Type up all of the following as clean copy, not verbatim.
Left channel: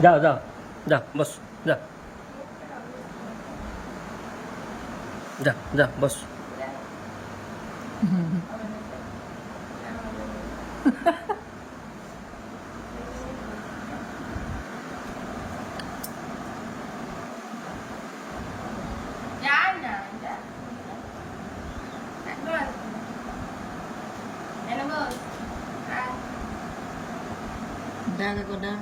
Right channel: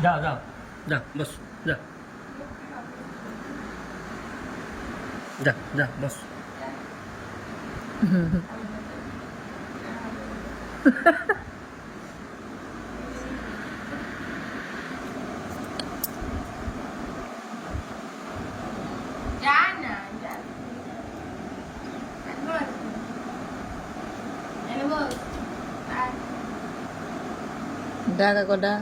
जा जा जा बस जा जा जा बस দেখা কটা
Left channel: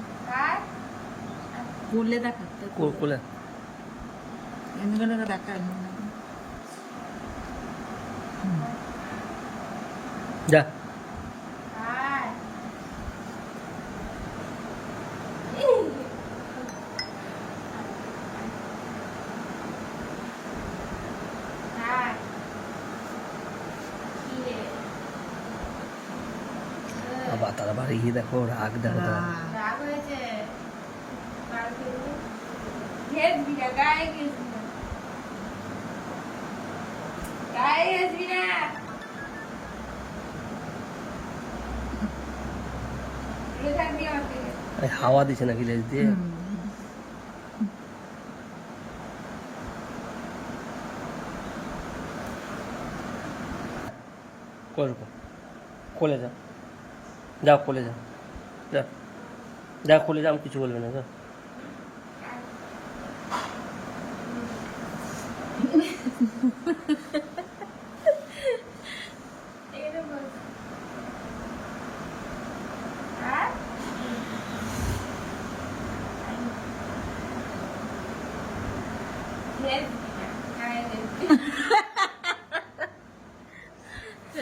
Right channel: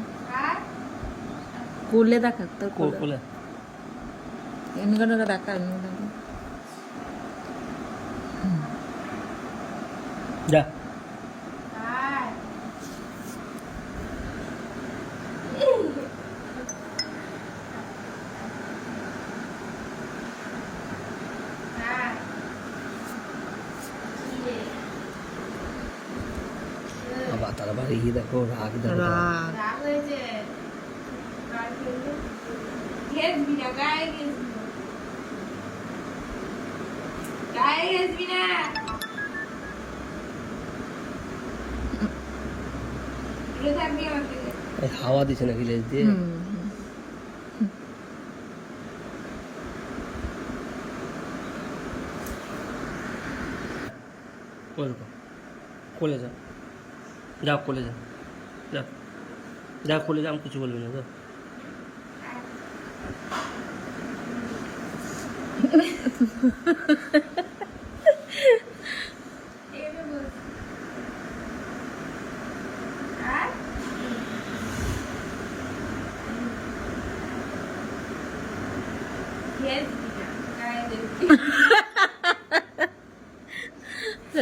কুলে দেখা তো कुले ఎందుకంటే দেখা जा अब आता बारी ही देखो राग देखो হাওয়া দিছে না ভিলেজ দিয়ে কোলে যা যাও কোলে যাও যা যা কোলে যা আমি কিছু বলবে না যাও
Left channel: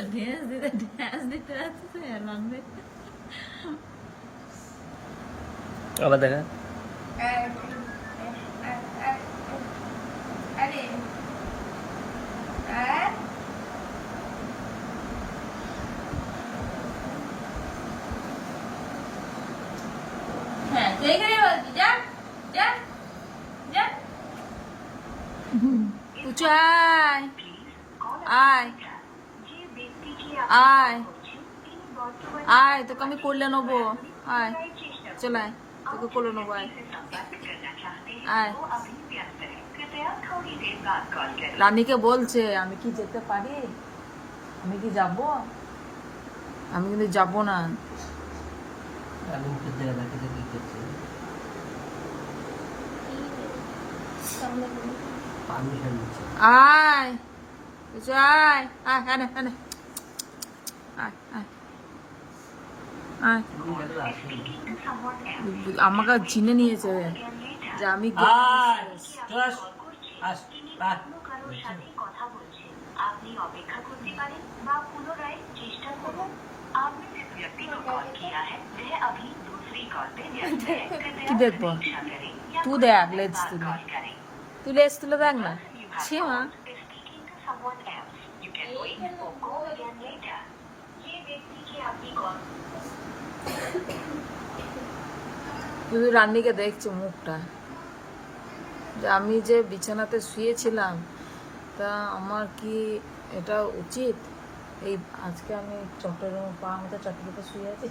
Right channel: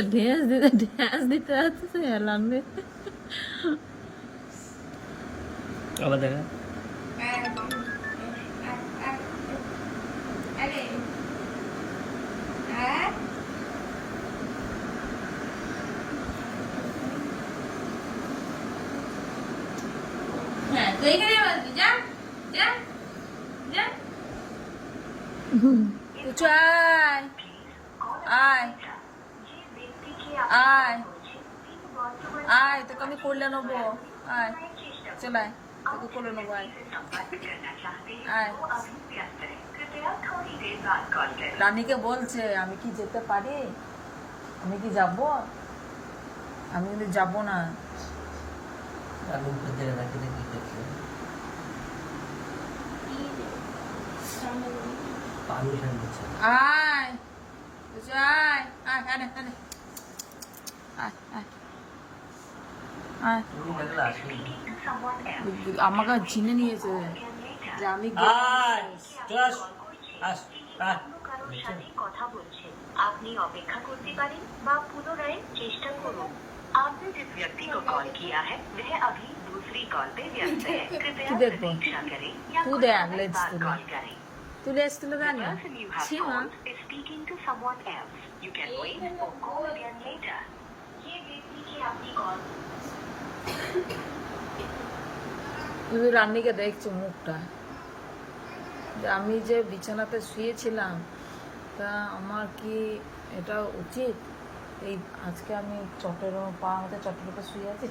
ड्यास दिते আছে লাম্বে আবার দেখা হ্যাঁ তুই এখানে বলবি যা যা যা উচাই আয় আয় আয় তোকে আমি কোলে নেবো আয় চলে আয় তোকে কোলে নেবো আয় আয় রানীকে বলছে আমি কি যেতে পারি আমি কি যাব আমি কিন্তু যাব না আমি মুখের দিকে দেখে দেখি দেখছি পারমিশন দিচ্ছে আয় উচাই আয় আয় না আয় আয় আয় আয় আমাকে চিনে নিয়েছে যে আমি আপনি অপেক্ষা করতে পারেন বা পুনরায় চেষ্টা করুন आपने जिस व्यक्ति को कॉल किया है वह अभी दूसरी कॉल पे व्यस्त है কি দেখবো তুই দেখ লেজ তুলে তুই লেজ তুলে দেখ না ছি মা speaking to someone else you can wait or call again later ये व्यक्ति की आपकी कॉल তুই রান্নিকে দেখছো মুখটা যে আমি যে বিছানাতে শুয়েছিলাম তা আমার কি এটা উচিত এই আজকে আমি চটের পা আমাকে চটের উপর শুয়ে আছি